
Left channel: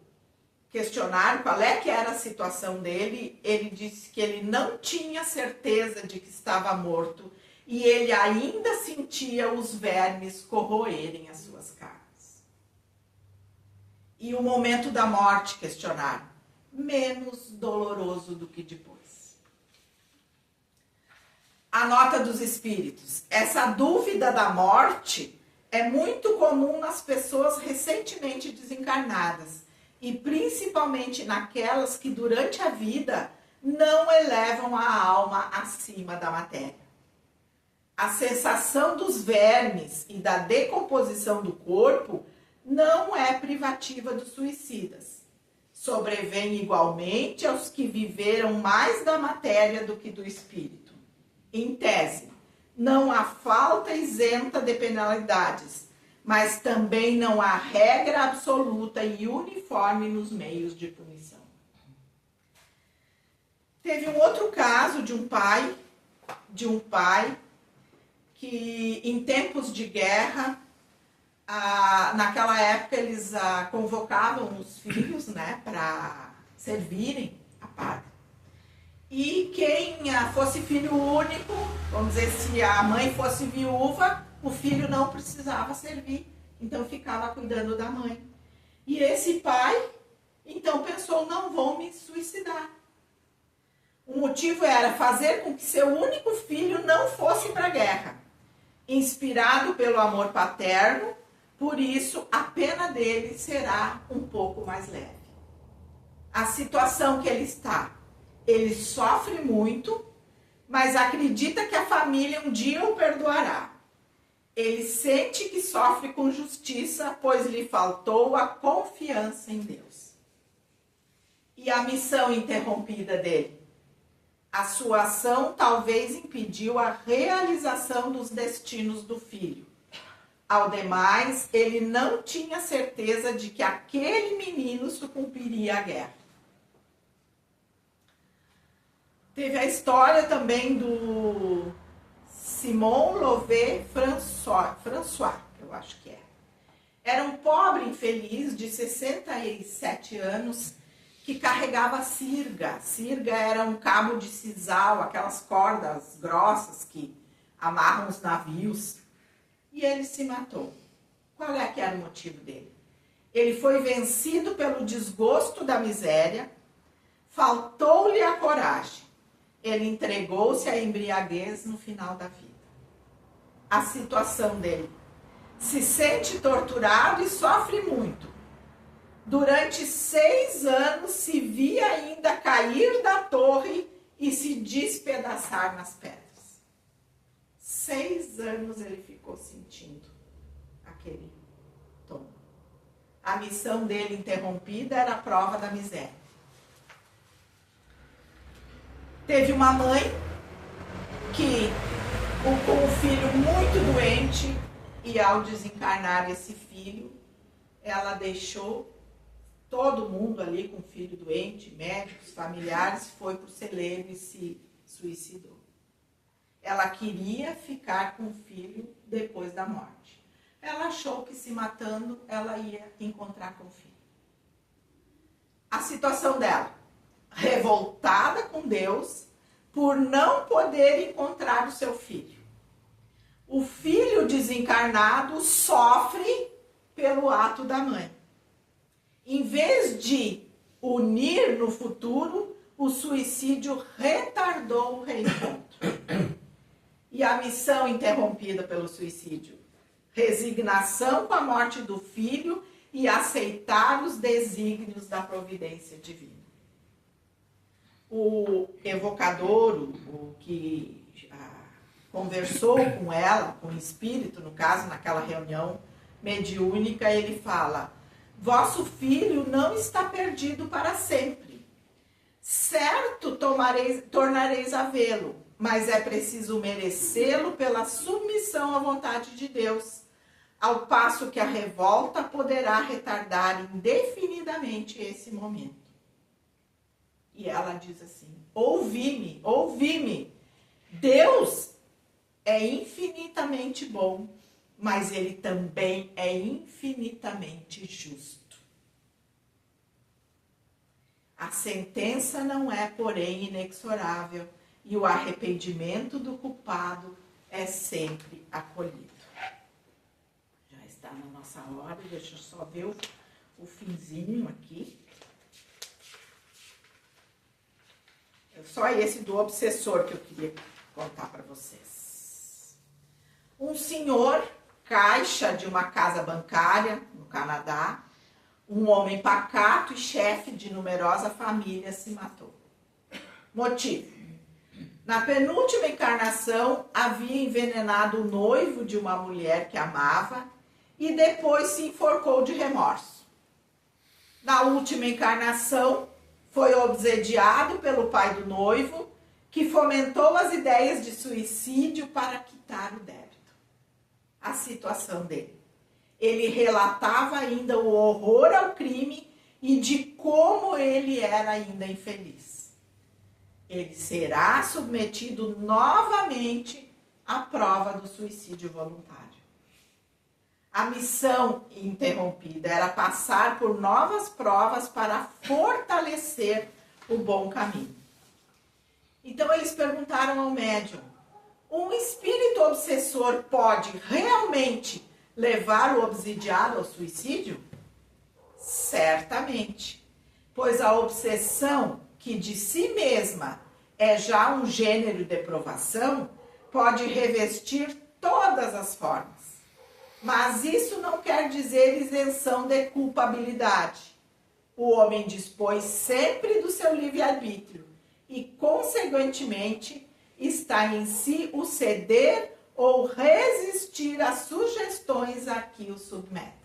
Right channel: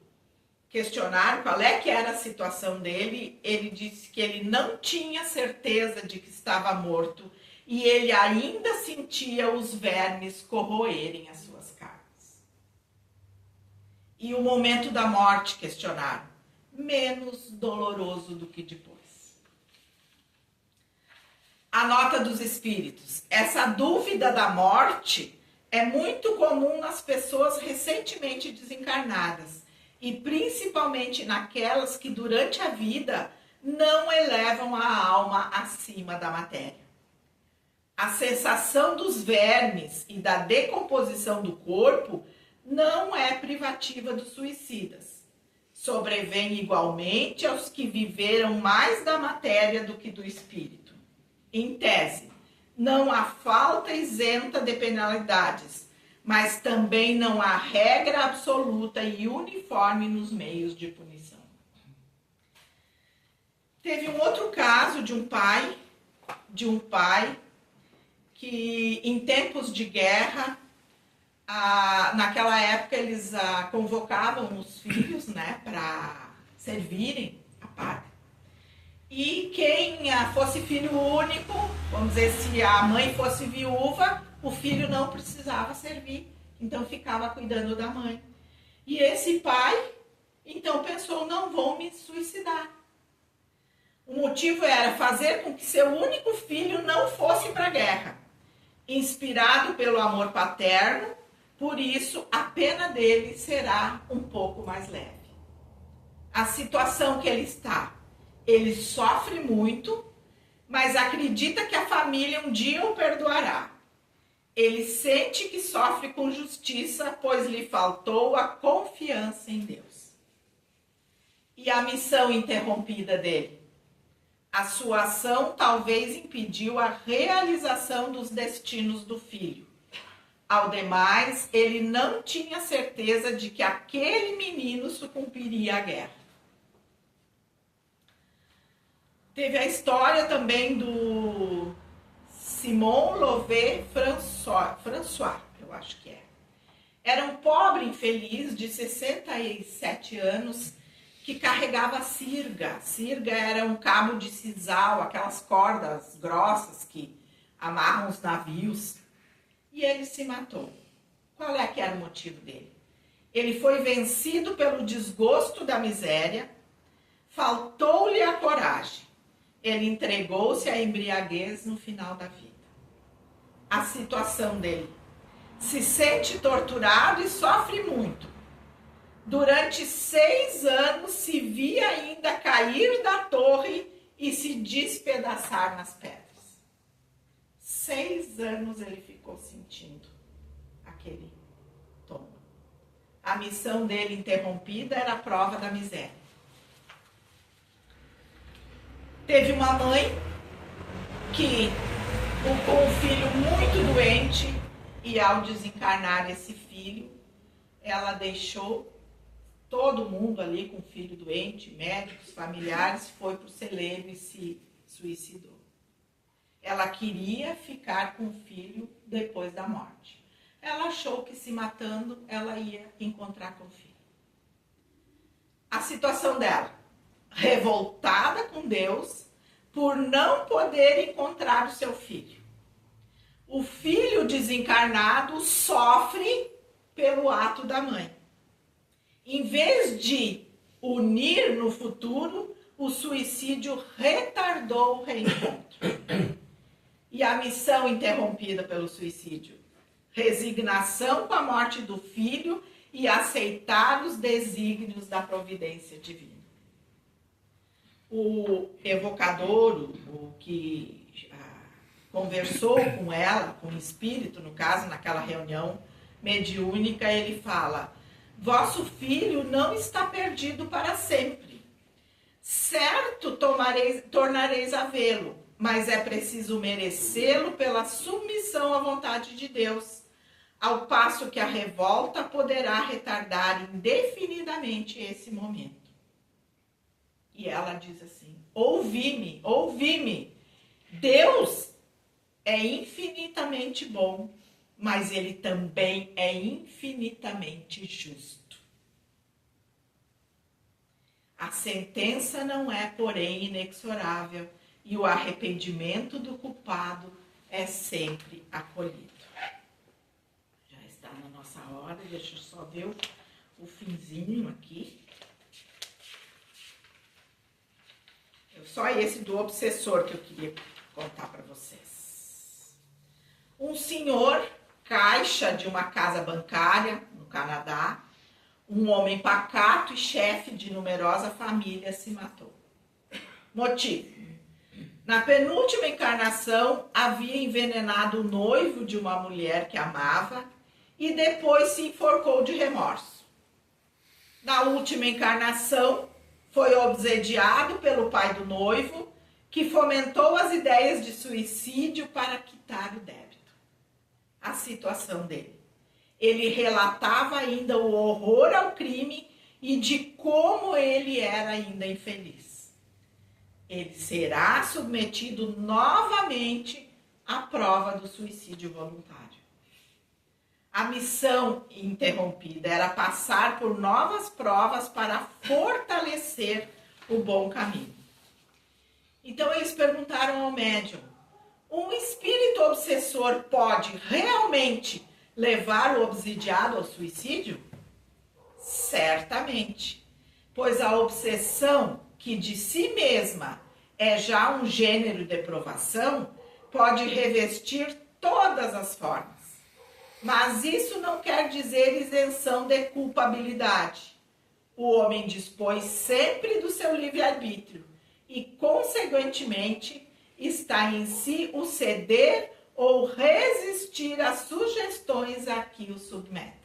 questionaram qual é que era a situação dele, ele disse que ele não tinha certeza de que estava morto e ele ainda sentia os vermes corroerem as suas carnes. E o momento da morte, questionaram, menos doloroso do que depois. A nota dos espíritos. Essa dúvida da morte é muito comum nas pessoas recentemente desencarnadas e principalmente naquelas que durante a vida não elevam a alma acima da matéria. A sensação dos vermes e da decomposição do corpo não é privativa dos suicidas. Sobrevém igualmente aos que viveram mais da matéria do que do espírito. Em tese, não há falta isenta de penalidades, mas também não há regra absoluta e uniforme nos meios de punição. Teve um outro caso de um pai que em tempos de guerra, naquela época eles convocavam os filhos, né, para servirem a pátria. E quem fosse filho único, vamos dizer, se a mãe fosse viúva, o filho não precisava servir, então ficava cuidando da mãe. E esse pai, então, pensou, não vou me suicidar. O motivo era fazer com que seu único filho não fosse para a guerra. Inspirado pelo amor paterno, por isso a pena dele será um pouco mais leve. A situação que ele está, ele sofre muito, mas acredita que a família um dia o perdoará. Ele sente que sofre com justiça, pois lhe faltou a confiança em Deus. E a missão interrompida dele? A sua ação talvez impediu a realização dos destinos do filho. Ao demais, ele não tinha certeza de que aquele menino sucumbiria à guerra. Teve a história também do Simon Louvet François, eu acho que é. Era um pobre infeliz de 67 anos que carregava sirga. Sirga era um cabo de sisal, aquelas cordas grossas que amarram os navios. E ele se matou. Qual é que era o motivo dele? Ele foi vencido pelo desgosto da miséria, faltou-lhe a coragem. Ele entregou-se à embriaguez no final da vida. A situação dele: se sente torturado e sofre muito, Durante 6 anos se via ainda cair da torre e se despedaçar nas pedras. 6 anos ele ficou sentindo aquele tombo. A missão dele interrompida era a prova da miséria. Teve uma mãe que, com um filho muito doente, e ao desencarnar esse filho, ela deixou todo mundo ali com o filho doente, médicos, familiares, foi para o celeiro e se suicidou. Ela queria ficar com o filho depois da morte. Ela achou que se matando, ela ia encontrar com o filho. A situação dela, revoltada com Deus, por não poder encontrar o seu filho. O filho desencarnado sofre pelo ato da mãe. Em vez de unir no futuro, o suicídio retardou o reencontro. E a missão interrompida pelo suicídio? Resignação com a morte do filho e aceitar os desígnios da providência divina. O evocador, o que conversou com ela, com o espírito, no caso, naquela reunião mediúnica, ele fala: vosso filho não está perdido para sempre. Certo, tornareis a vê-lo, mas é preciso merecê-lo pela submissão à vontade de Deus, ao passo que a revolta poderá retardar indefinidamente esse momento. E ela diz assim: ouvi-me, ouvi-me. Deus é infinitamente bom, mas ele também é infinitamente justo. A sentença não é, porém, inexorável, e o arrependimento do culpado é sempre acolhido. Já está na nossa hora, deixa eu só ver o finzinho aqui. Só esse do obsessor que eu queria contar para vocês. Um senhor, caixa de uma casa bancária no Canadá, um homem pacato e chefe de numerosa família, se matou. Motivo: na penúltima encarnação havia envenenado o noivo de uma mulher que amava e depois se enforcou de remorso. Na última encarnação foi obsediado pelo pai do noivo, que fomentou as ideias de suicídio para quitar o débito. A situação dele: ele relatava ainda o horror ao crime e de como ele era ainda infeliz. Ele será submetido novamente à prova do suicídio voluntário. A missão interrompida era passar por novas provas para fortalecer o bom caminho. Então eles perguntaram ao médium: um espírito obsessor pode realmente levar o obsidiado ao suicídio? Certamente, pois a obsessão, que de si mesma é já um gênero de provação, pode revestir todas as formas. Mas isso não quer dizer isenção de culpabilidade. O homem dispõe sempre do seu livre-arbítrio e, consequentemente, está em si o ceder ou resistir às sugestões a que o submetem.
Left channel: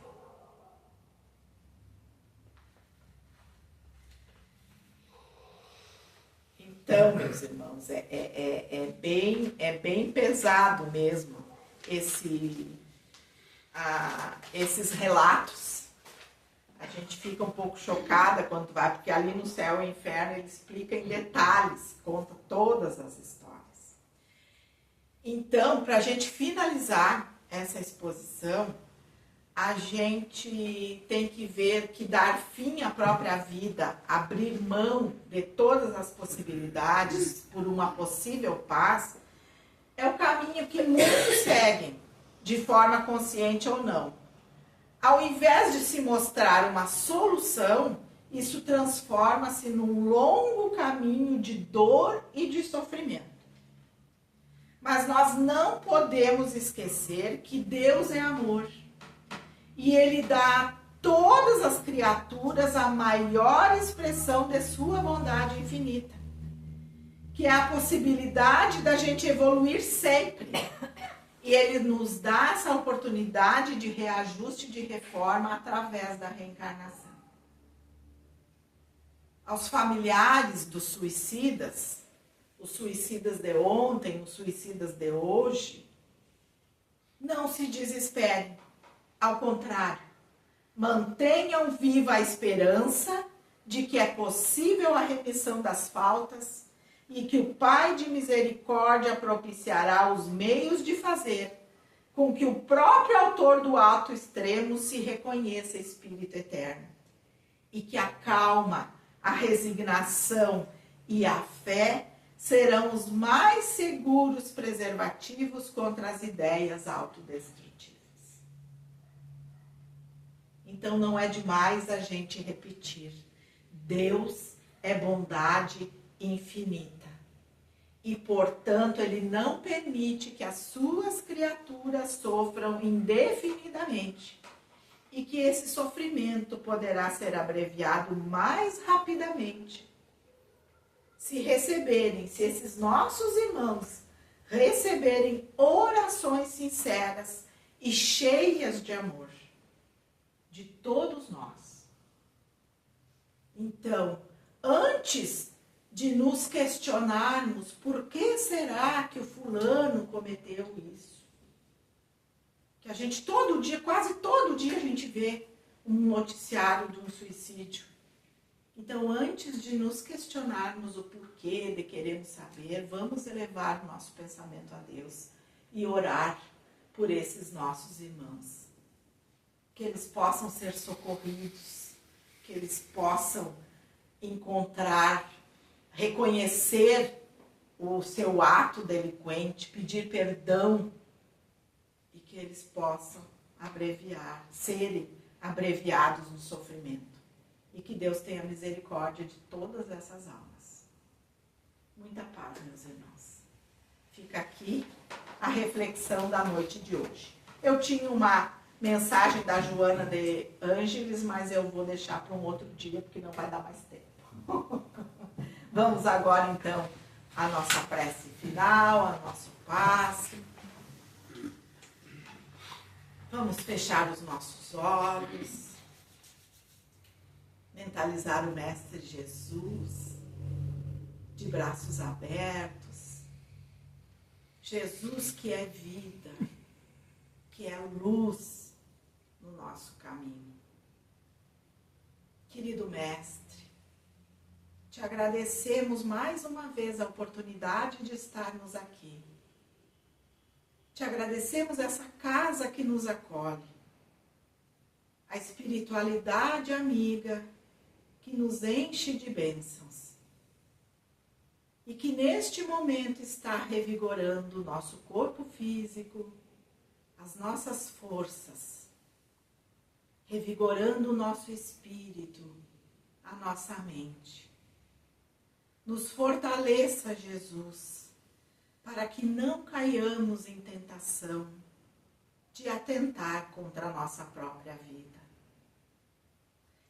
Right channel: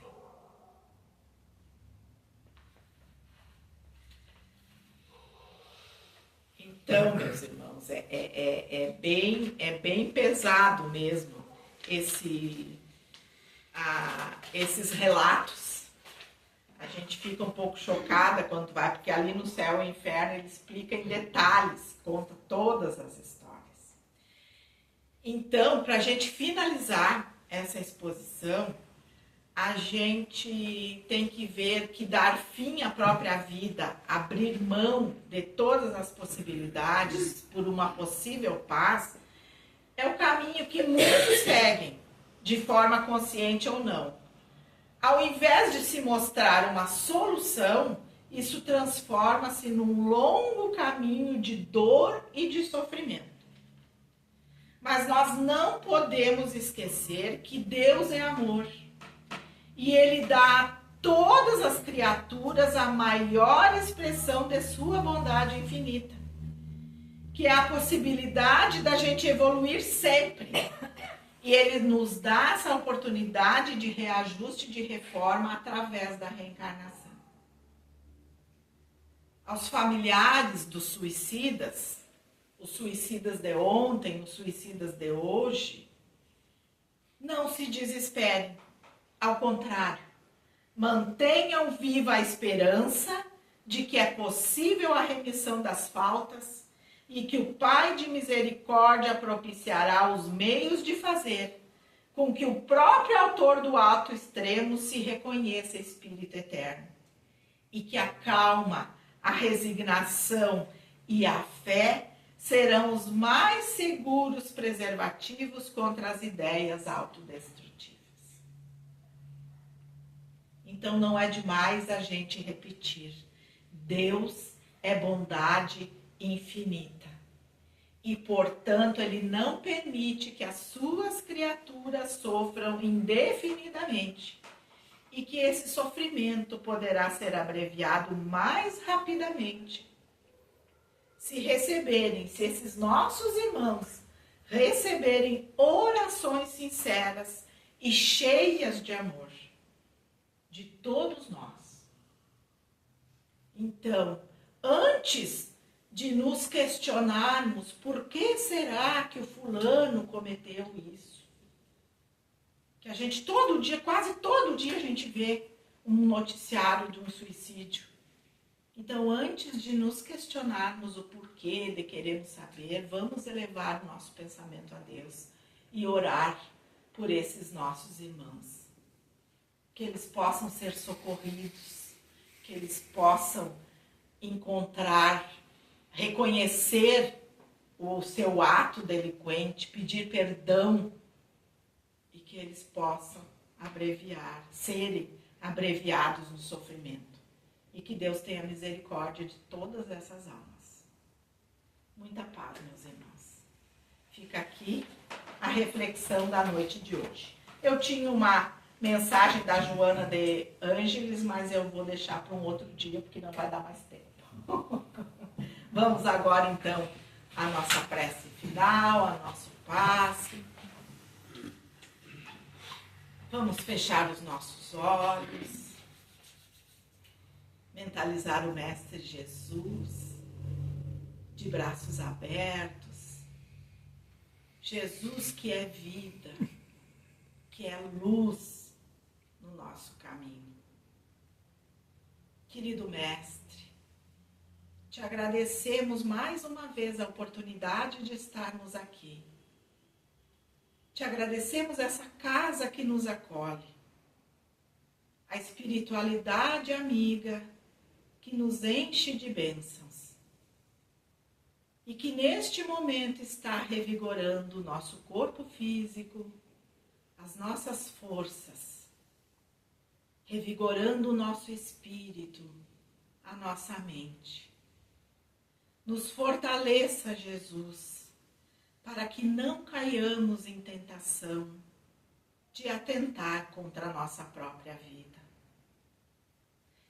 Então, meus irmãos, é bem pesado mesmo esses relatos. A gente fica um pouco chocada quando vai, porque ali no Céu e Inferno ele explica em detalhes, conta todas as histórias. Então, para a gente finalizar essa exposição, a gente tem que ver que dar fim à própria vida, abrir mão de todas as possibilidades por uma possível paz, é o caminho que muitos seguem, de forma consciente ou não. Ao invés de se mostrar uma solução, isso transforma-se num longo caminho de dor e de sofrimento. Mas nós não podemos esquecer que Deus é amor. E Ele dá todas as criaturas a maior expressão de sua bondade infinita, que é a possibilidade da gente evoluir sempre. E ele nos dá essa oportunidade de reajuste, de reforma através da reencarnação. Aos familiares dos suicidas, os suicidas de ontem, os suicidas de hoje, não se desesperem. Ao contrário, mantenham viva a esperança de que é possível a remissão das faltas e que o Pai de misericórdia propiciará os meios de fazer com que o próprio autor do ato extremo se reconheça espírito eterno e que a calma, a resignação e a fé serão os mais seguros preservativos contra as ideias autodestrutivas. Então não é demais a gente repetir: Deus é bondade infinita e, portanto, Ele não permite que as suas criaturas sofram indefinidamente e que esse sofrimento poderá ser abreviado mais rapidamente se esses nossos irmãos receberem orações sinceras e cheias de amor de todos nós. Então, antes de nos questionarmos por que será que o fulano cometeu isso, que a gente todo dia, quase todo dia a gente vê um noticiário de um suicídio. Então, antes de nos questionarmos o porquê de queremos saber, vamos elevar o nosso pensamento a Deus e orar por esses nossos irmãos. Que eles possam ser socorridos, que eles possam encontrar, reconhecer o seu ato delinquente, pedir perdão e que eles possam serem abreviados no sofrimento. E que Deus tenha misericórdia de todas essas almas. Muita paz, meus irmãos. Fica aqui a reflexão da noite de hoje. Eu tinha uma mensagem da Joana de Ângeles, mas eu vou deixar para um outro dia, porque não vai dar mais tempo. Vamos agora, então, à nossa prece final, ao nosso passe. Vamos fechar os nossos olhos. Mentalizar o Mestre Jesus, de braços abertos. Jesus que é vida, que é luz no nosso caminho. Querido Mestre, te agradecemos mais uma vez a oportunidade de estarmos aqui. Te agradecemos essa casa que nos acolhe, a espiritualidade amiga que nos enche de bênçãos e que neste momento está revigorando o nosso corpo físico, as nossas forças, revigorando o nosso espírito, a nossa mente. Nos fortaleça, Jesus, para que não caiamos em tentação de atentar contra a nossa própria vida.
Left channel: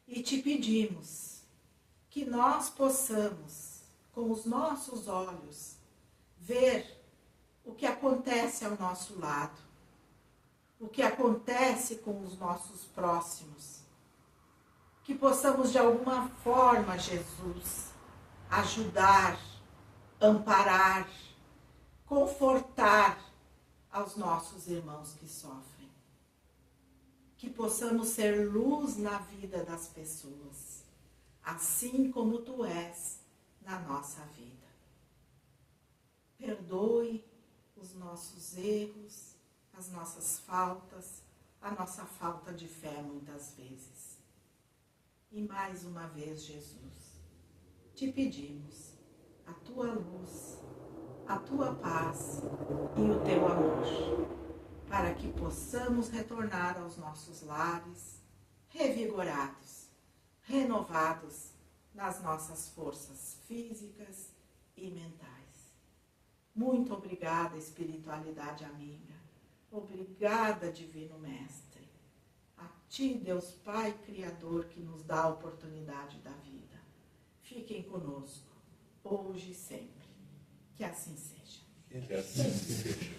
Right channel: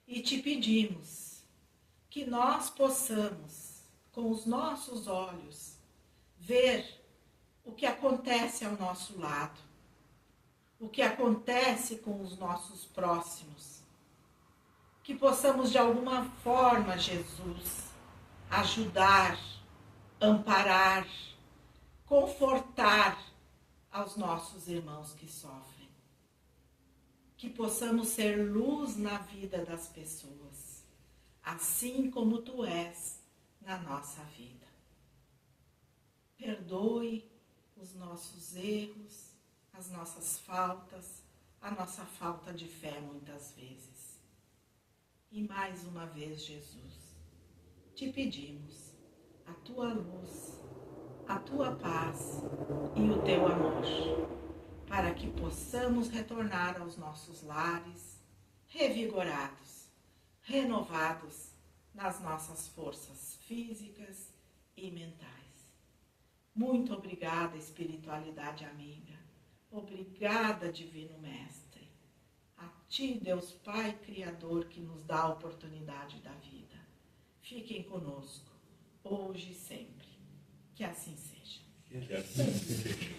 E te pedimos que nós possamos, com os nossos olhos, ver o que acontece ao nosso lado, o que acontece com os nossos próximos. Que possamos, de alguma forma, Jesus, ajudar, amparar, confortar aos nossos irmãos que sofrem. Que possamos ser luz na vida das pessoas, assim como tu és na nossa vida. Perdoe os nossos erros, as nossas faltas, a nossa falta de fé muitas vezes. E mais uma vez, Jesus, te pedimos a tua luz, a tua paz e o teu amor, para que possamos retornar aos nossos lares, revigorados, renovados nas nossas forças físicas e mentais. Muito obrigada, espiritualidade amiga. Obrigada, Divino Mestre. A Ti, Deus Pai Criador, que nos dá a oportunidade da vida. Fiquem conosco, hoje e sempre. Que assim seja. Que assim seja.